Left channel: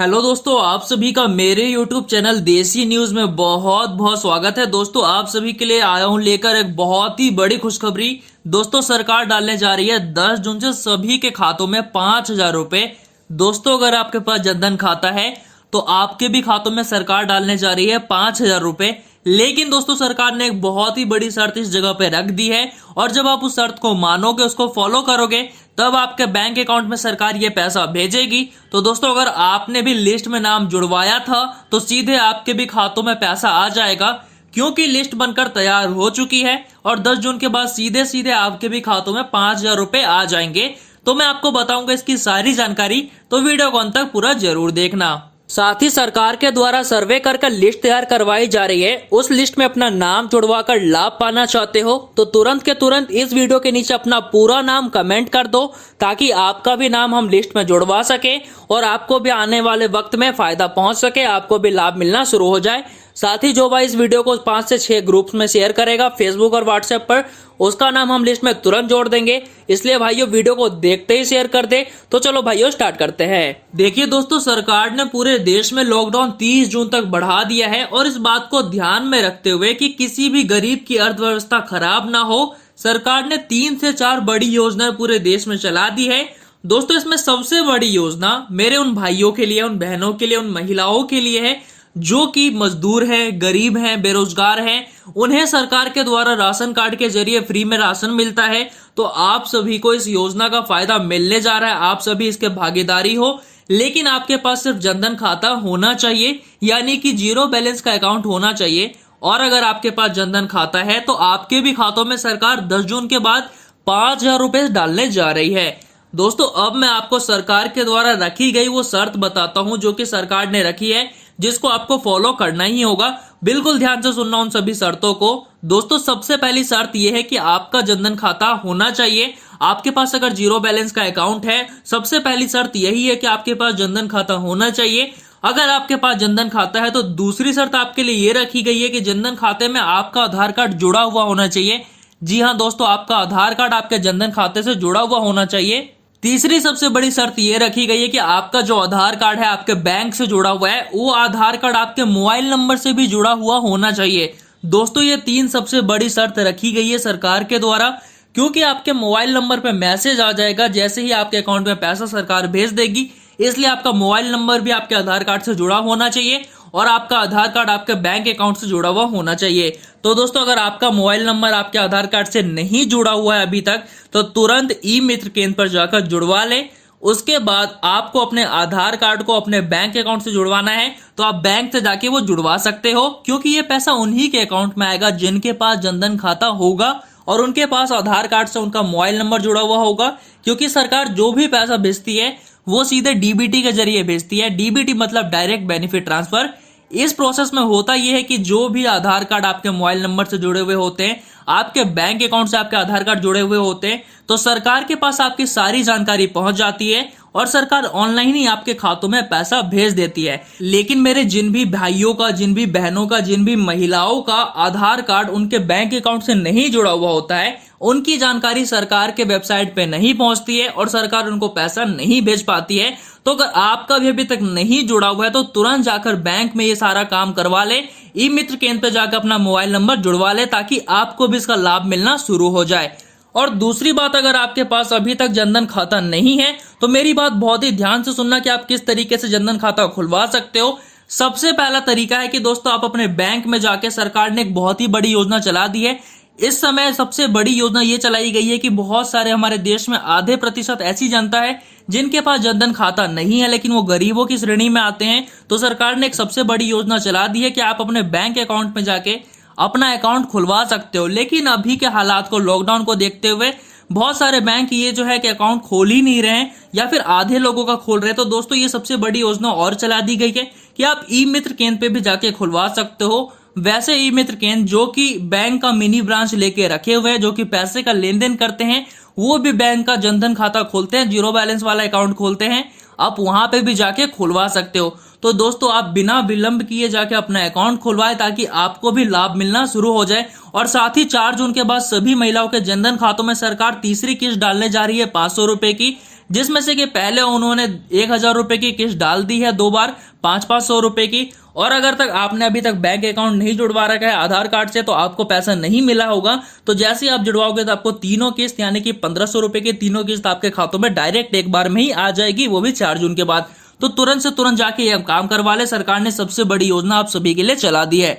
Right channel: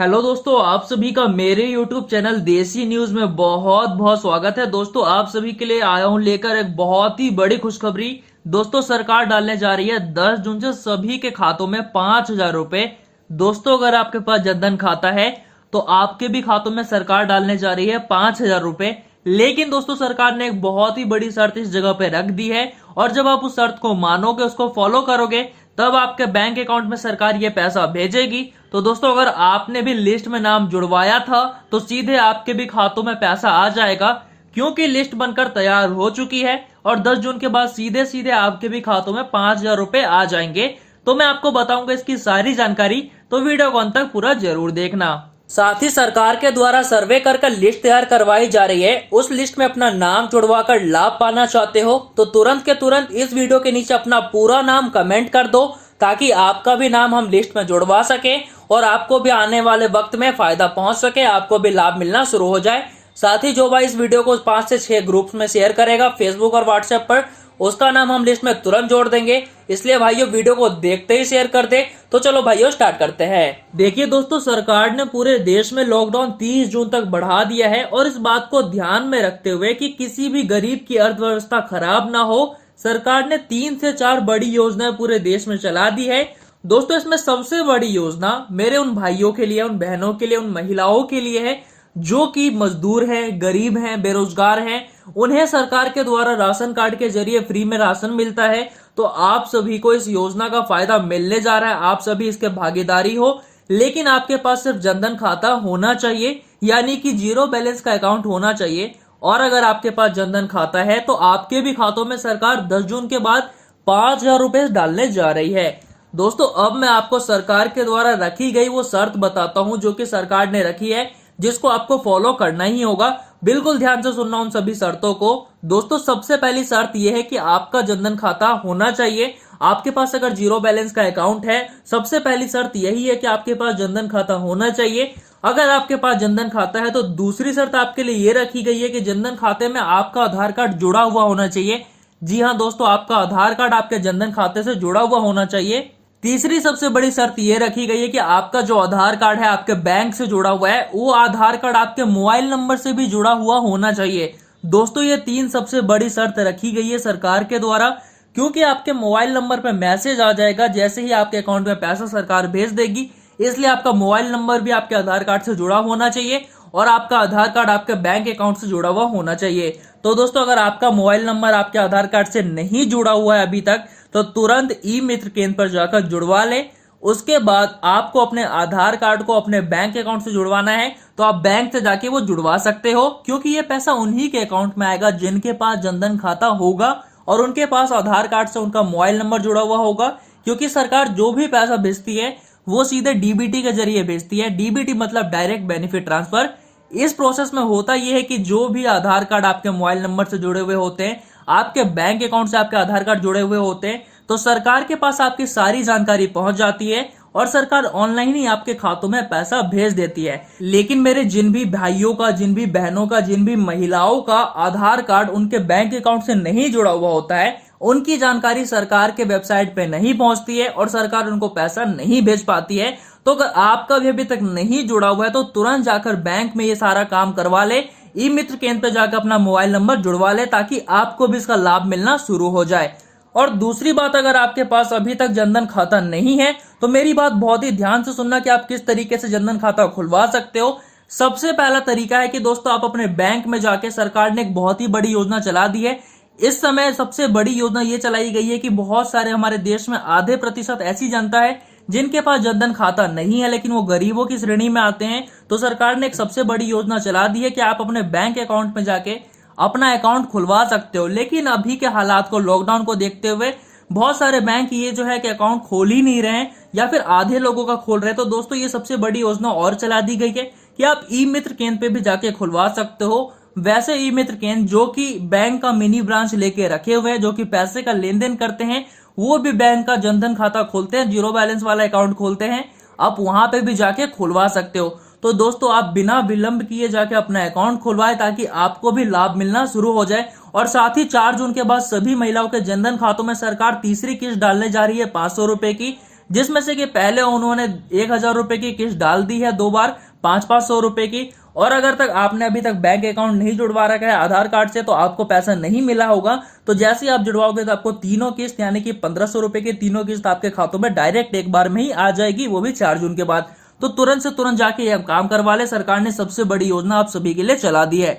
Hello दोस्तों, आप सभी का मेरे YouTube चैनल देसी न्यूज में बहुत बहुत स्वागत है। दोस्तों, आप सभी के लिए आया हूं लेकर एक बहुत ही बड़ी खुशखबरी। दोस्तों, सरकार डालने जा रही है 10 जून से सभी के खातों में 5,000 रुपए। दोस्तों, अगर आपके पास जनधन खाता है तो आपके भी खातों में सरकार डालने जा रही है 5,000 रुपए। लेकिन दोस्तों, सरकार ने एक बहुत ही बड़ी शर्त इस जगह पे रख दी है, और जब आप उस शर्त को मानोगे, उसको फॉलो करोगे, तब आपके बैंक अकाउंट में सरकार ये पैसा भेजेगी। तो दोस्तों, अगर आपने भी लिस्ट में नाम जुड़वाया था तो सीधे आपके भी खातों में पैसा आ जाएगा, क्योंकि लिस्ट बनकर तैयार हो चुकी है और 10 जून के बाद सीधे सीधे आपके भी खातों में 5,000 रुपए आ जाएंगे। तो मैं आपको बताऊंगा इसकी सारी जानकारी, तो वीडियो को अंत तक पूरा जरूर देखना। साथ ही सरकार के द्वारा सर्वे कर लिस्ट तैयार करवाई जा रही है। उस लिस्ट में अपना नाम जुड़वा कर लाभ पाना चाहते हो तो तुरंत के तुरंत इस वीडियो के नीचे अपना पूरा नाम कमेंट कर दो, ताकि आपका भी नाम हम लिस्ट में जुड़वा सके और आपको भी आने वाले वक्त में फायदा पहुंच सके, आपको भी लाभ मिलना शुरू हो जाए। साथ ही जो भाई इस वीडियो को 5 से 6 ग्रुप्स में शेयर करेगा फेसबुक और व्हाट्सएप पर, उसका नाम हम लिस्ट में तुरंत जोड़ देंगे। इसलिए भाइयों, वीडियो को देखते ही शेयर कर दे। तो चलो भाइयों, स्टार्ट करते हैं। देखिए दोस्तों, सरकार ने पूरे देश में लॉकडाउन 30 जून तक बढ़ा दिया है, और इस बात को ध्यान में रखते हुए कि किसी भी गरीब की अर्थव्यवस्था खराब ना हो, सरकार ने 3 से 4 बड़ी योजनाएं पूरे देश में चला दी है। दोस्तों, इसमें सबसे बड़ी योजना मेरे उन भाइयों के लिए, उन बहनों के लिए, उन महिलाओं के लिए है जो कि मजदूर हैं, गरीब हैं, बेरोजगार हैं। उन्हें सरकार के द्वारा राशन कार्ड के जरिए फ्री में राशन मिलता है। तो आप सभी को इस योजना का फायदा मिलने जा रहा है, आप सभी इसके भागीदारी हो। लेकिन आपके पास सिर्फ जनधन खाता होना चाहिए, यानी कि जीरो बैलेंस का अकाउंट होना चाहिए। और अगर आपके पास जनधन खाता है तो आपके भी खातों में सरकार 10 जून के बाद 5,000 रुपए डालने जा रही है। दोस्तों, अब मैं आपको सरकार के द्वारा रखी गई वो शर्त बताता हूं जो कि सरकार ने रखी है, जिसको आपको फॉलो करना ही होगा। बिल्कुल ध्यान से सुनना उन सभी शर्तों को। दोस्तों, सबसे पहली शर्त यह है कि आपका जनधन खाता होना चाहिए। आपके पास अगर जीरो बैलेंस का अकाउंट है, सबसे पहली शर्त यही है कि आपके पास जनधन खाता होना चाहिए। अगर आपके पास जनधन खाता है तो दूसरी शर्त आपके लिए ये रखी गई है कि जनधन खाते में आपका आधार कार्ड जुड़ा हुआ होना चाहिए। जी हाँ दोस्तों, आपका आधार कार्ड आपके जनधन खाते से जुड़ा हुआ होना चाहिए। तीसरी सबसे बड़ी शर्त ये रखी गई है कि आपका जो आधार कार्ड है आपके बैंक से जुड़ा हुआ है, वो आधार कार्ड आपके मोबाइल नंबर से भी जुड़ा हुआ होना चाहिए। दोस्तों, ये 3 सबसे बड़ी शर्त रखी गई है सरकार के द्वारा, क्योंकि आपके मोबाइल नंबर पे मैसेज आ जाएगा जैसे ही आपके अकाउंट में पैसा सरकार भेज देगी। इसलिए आपका मोबाइल नंबर भी आपके आधार कार्ड से जुड़ा होना चाहिए और आपका आधार कार्ड आपके बैंक अकाउंट से जुड़ा हुआ होना चाहिए। तो दोस्तों, अगर आपका मोबाइल नंबर आपके आधार कार्ड से नहीं जुड़ा हुआ है अभी तक, तो तुरंत ई मित्र केंद्र पर जाकर जुड़वा लें। उसके बाद आपको अपने आधार कार्ड को अपने बैंक अकाउंट से जुड़वाना है, तो आप बैंक से जाके वो जुड़वा सकते हो, क्योंकि ये पैसा उन्हीं के अकाउंट में आएगा जिनके पास जनधन खाता होगा और उनके पास आधार कार्ड से उनका मोबाइल नंबर जुड़ा हुआ होगा। क्योंकि सरकार जो भी पैसा भेजती है वो सीधे डीबीटी के जरिए भेजती है। डीबीटी मतलब डायरेक्ट बेनिफिट ट्रांसफर। इस प्रोसेस में होता यह है कि जो भी आधार कार्ड आपके मोबाइल नंबर से जुड़े हुए होते हैं, आपके बैंक अकाउंट से आपके आधार कार्ड जुड़े हुए होते हैं, तो सरकार के पास आपकी सारी जानकारी पहुंच जाती है और सरकार ऑनलाइन ही आपके खातों में पैसा भेज देती है। लेकिन मेरे जिन भी भाइयों का, जिन भी बहनों का, जिन भी महिलाओं का आधार कार्ड उनके बैंक अकाउंट से नहीं जुड़ा हुआ होता है, उनकी जानकारी सरकार के वेबसाइट पे नहीं पहुंचती है और सरकार उनको पैसा नहीं भेज पाती है। तो अगर आपका भी अभी तक नहीं जुड़ा हुआ है तो तुरंत जाकर बैंक में ये सारा काम करवा ले। ई मित्र केंद्र पे जाकर अपना मोबाइल नंबर जुड़वा ले, ताकि आपको भी इसका लाभ मिलना शुरू हो जाए। और दूसरी बात, अगर आपके पास अभी तक जनधन खाता नहीं है तो मेरी बात बहुत ही ध्यान से सुनना कि आप किस तरीके से जनधन खाता खुलवा सकते हो। सबसे पहला तरीका है कि दोस्तों, आप अपने बैंक में जाके, सरकार ने एक बहुत ही बड़ी योजना चला दी है। इस समय सबसे बड़ी योजना ये चलाई गई है कि बहुत सारे हमारे देश में आधे प्रतिशत ऐसी जनता है जिनके पास जनधन खाता नहीं है, लेकिन वो गरीबों की श्रेणी में आते हैं। तो सरकार ने एक सबसे बड़ी योजना चला दी है कि आप अपने बैंक अकाउंट में जाके अपना अकाउंट खुलवा सकते हो। लेकिन अभी के हालात को, लॉकडाउन को देखते हुए बहुत सारे बैंक ये जो है कि अकाउंट खोल ही नहीं रहे हैं, या फिर आधे लोगों का खोल रहे हैं। तो दोस्तों, ये सबसे बड़ी योजना और चला दी गई है कि आप ई मित्र केंद्र पे भी जाके खुलवा सकते हो। वैसे ई मित्र केंद्र जो कि बैंक का मिनी ब्रांच लेके रखे हुए हैं, जो कि पैसे का लेन देन करते हैं, वो भी बैंक का जनधन खाता खोलते हैं, जीरो बैलेंस वाला अकाउंट खोलते हैं। आप वहां पे भी जाके खुलवा सकते हो। तो दोस्तों, आप बिना विलंब किए जाके अपना अकाउंट खुलवाएं, ताकि आपको भी लाभ मिलना शुरू हो जाए। और साथ ही 4 जून के बाद सभी महिलाओं के जनधन खातों में सरकार तीसरी किस्त डालने जा रही है 500 रुपए की। जिसमें से कि पहले उन्होंने 1,000 रुपए की किस्त डाल दी है 2 बार 500 रुपए की। और अगर तक आपने अभी तक बैंक अकाउंट नहीं जुड़वा रखा है आधार कार्ड से तो आपको पैसा नहीं मिला होगा। तो जैसे ही आप जुड़वाओगे तो आपको तीनों किस्त यानी कि 1,500 रुपए की तीनों किस्त आपके खातों में डायरेक्ट एक बार में ही आ जाएगी, वो भी 4 जून के बाद। तो तुरंत से तुरंत जाके ये काम करवा ले, सरकार ने सबसे बड़ी योजना आप सभी के लिए चला दी है।